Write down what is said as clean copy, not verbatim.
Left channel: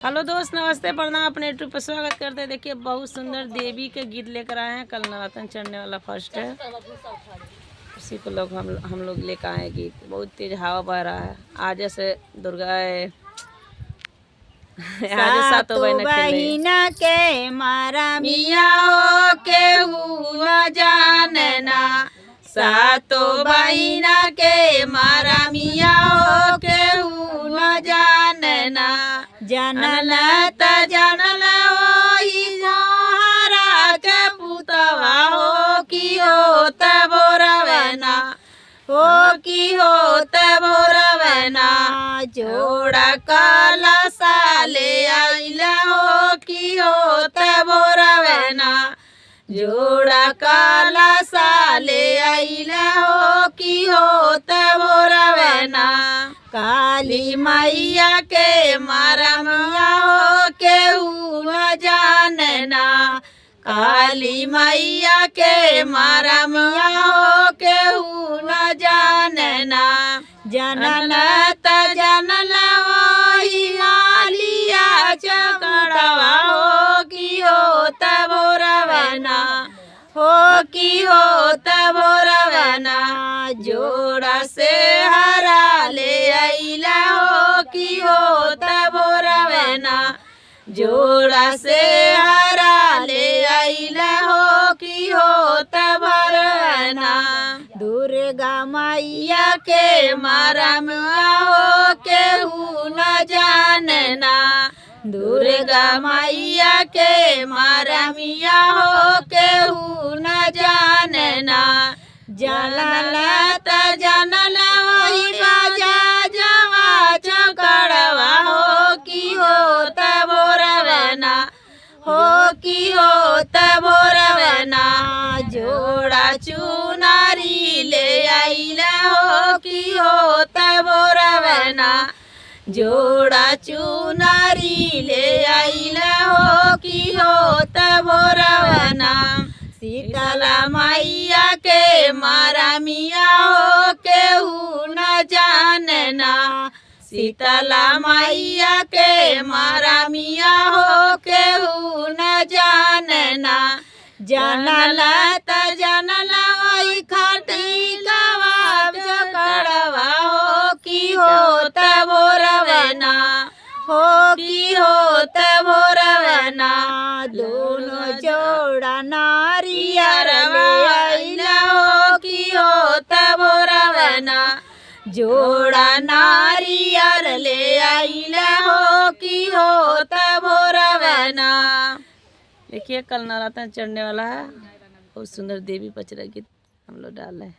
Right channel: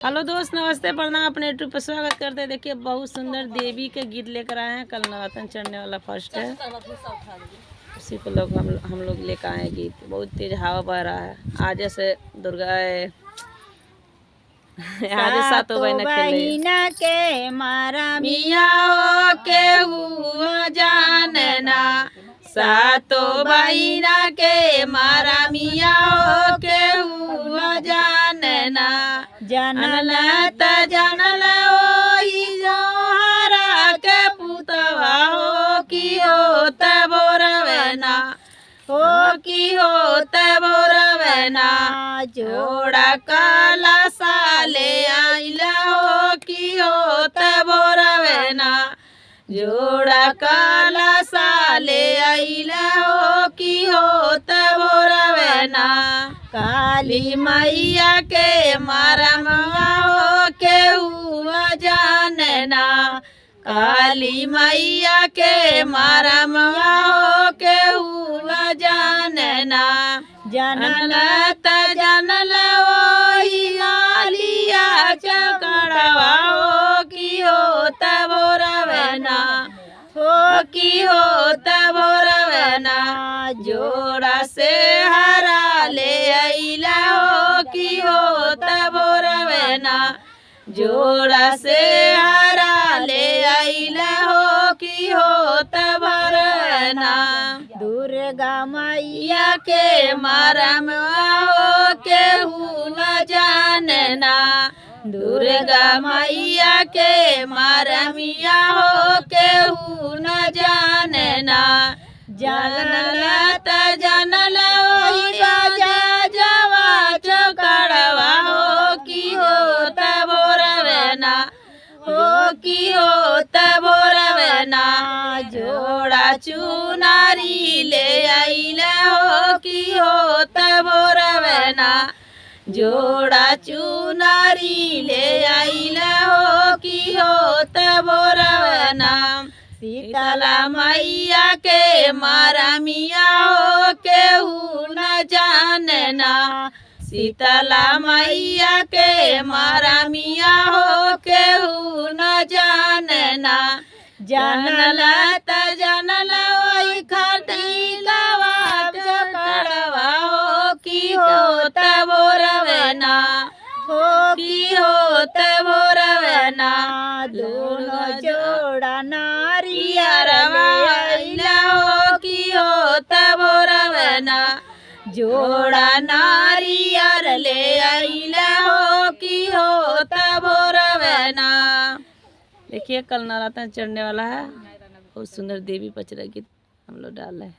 Hello दोस्त, नमस्ते, प्रणाम। अपने यूट्यूब पर स्वागत करते हैं। देखिए बहुत सुंदर देवी के गीत लेकर आए हैं। कल नवरात्र चढ़ने वाला फर्स्ट है, उसी को हम लोग लेकर आए हैं गीत। बहुत तेज हवा बह रहा है। आज जैसे दुर्गा आज सातों बहिना के मारा मिया हो के हुआ जानना, सातों बहिना के मारा मिया हो के हुआ जानना। जनल जनल ओही जोहरा के पुतवा हो की हो तबोरवना, हो की हो तबोरवना। जोड़ा काला साले आइला हो की हो तबोरवना, जोड़ा काला साले आइला हो की हो तबोरवना। काली मैया के मारम हो के हुआ जानना, काली मैया के मारम हो के हुआ जानना। जनल जनल वही मालिया चकड़वा हो की हो तबोरवना, हो की हो तबोरवना। जोड़ा से हरा ले आइला हो की हो तबोरवना, जोड़ा से हरा ले आइला हो की हो तबोरवना। दुर्गा मैया के मारम हो के न जानना, दुर्गा मैया के मारमिया हो के न जानना। जनल जनल वही राजा जवा चकड़वा हो की हो तबोरवना, हो की हो तबोरवना। जोड़ा चुनारी ले आइला हो की हो तबोरवना, जोड़ा चुनारी ले आइला हो की हो तबोरवना। शीतला मैया के मारा मिया हो के न जानना, शीतला मैया के मारा मिया हो के न जानना। जनल जनल वही खटिकावा चकड़वा हो की हो तबोरवना, हो की हो तबोरवना। दोनों जोड़ा नारियर आइला हो की हो तबोरवना, जोड़ा नारियर ले आइला हो की हो तबोरवना। देखिए कल नवरात्र चढ़ने वाला है। बहुत सुंदर देवी पचरा गीत हम लोग डाल रहे हैं।